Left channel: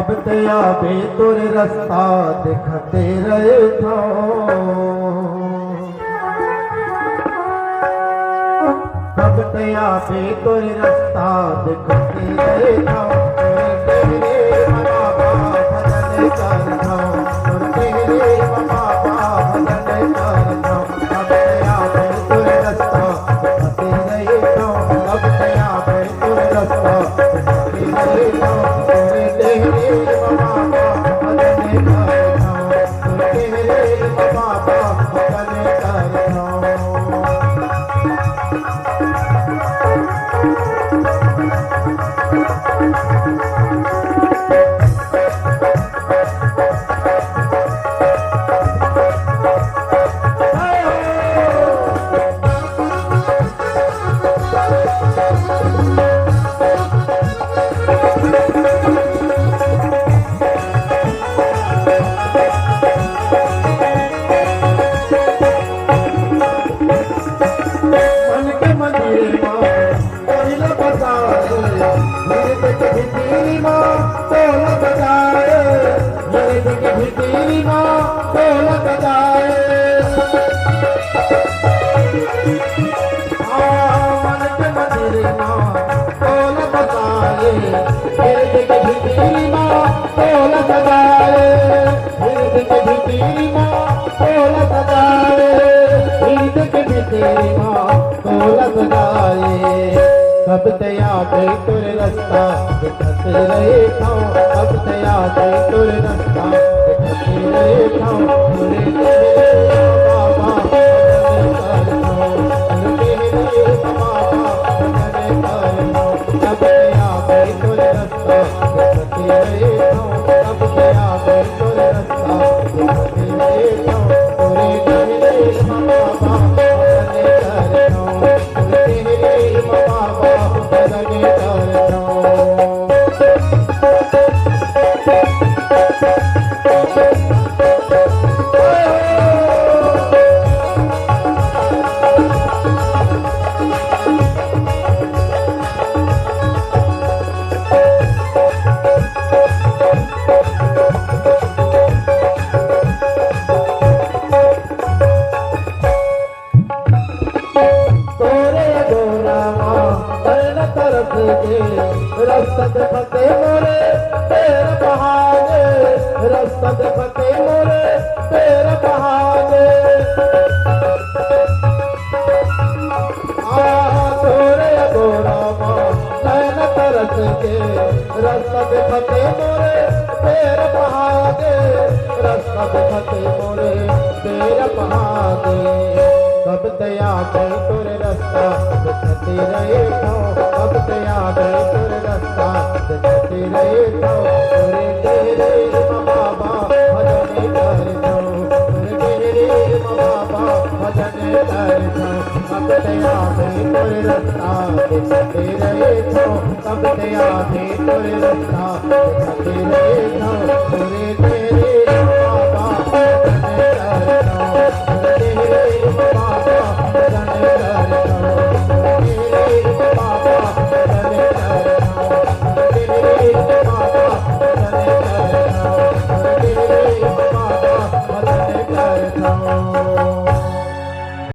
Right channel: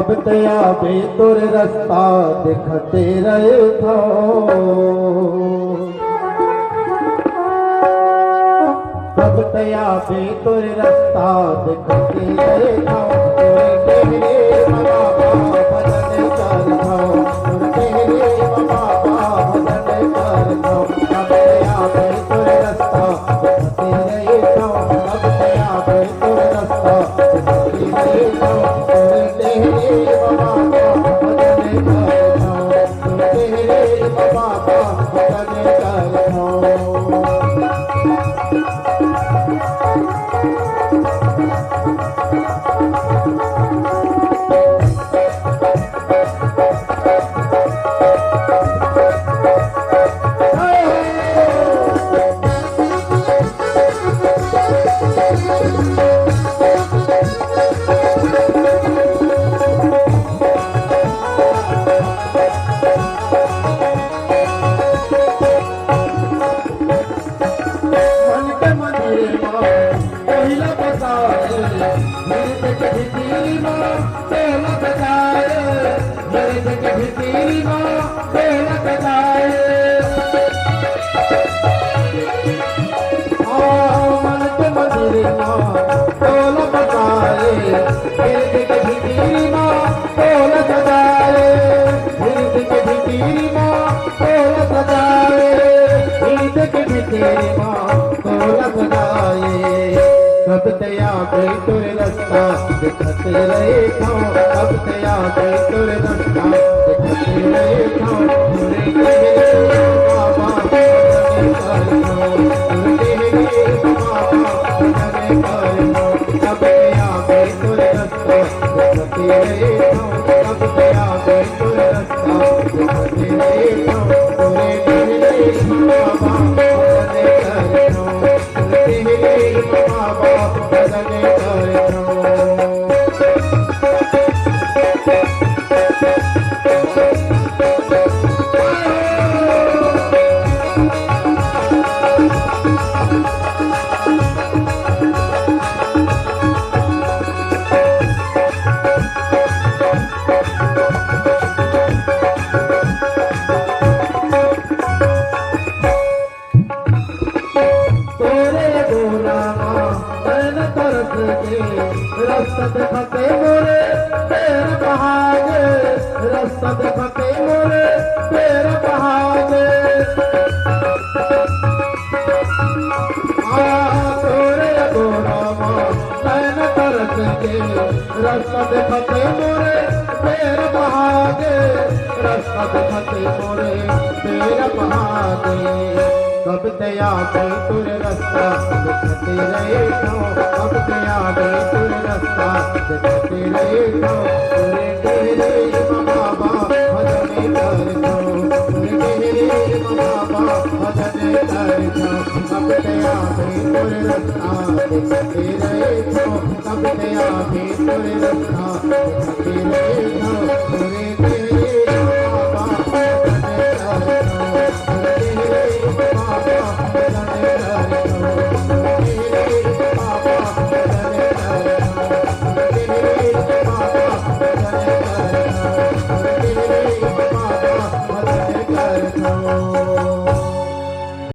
कब तया बे तुर रास्ता दिखते रहे थो कब तया बे तुर रास्ता दिखते रहे थो तेरे भजन कर थो तेरे भजन कर थो कब तया बे तुर रास्ता दिखते रहे थो कब तया बे तुर रास्ता दिखते रहे थो कब तया बे तुर रास्ता दिखते रहे थो कब तया बे तुर रास्ता दिखते रहे थो बाबा कब तया बे तुर रास्ता दिखते रहे थो कब तया बे तुर रास्ता दिखते रहे थो रसद फते मोरे पैर बहागे रसद फते मोरे पैर बहागे तोरे गोरामा नैन तरस के रसद फते मोरे पैर बहागे रसद फते मोरे पैर बहागे कब तया बे तुर रास्ता दिखते रहे थो कब तया बे तुर रास्ता दिखते रहे थो तेरे बाबा भजन कर थो तेरे बाबा भजन कर थो कब तया बे तुर रास्ता दिखते रहे थो कब तया बे तुर रास्ता दिखते रहे थो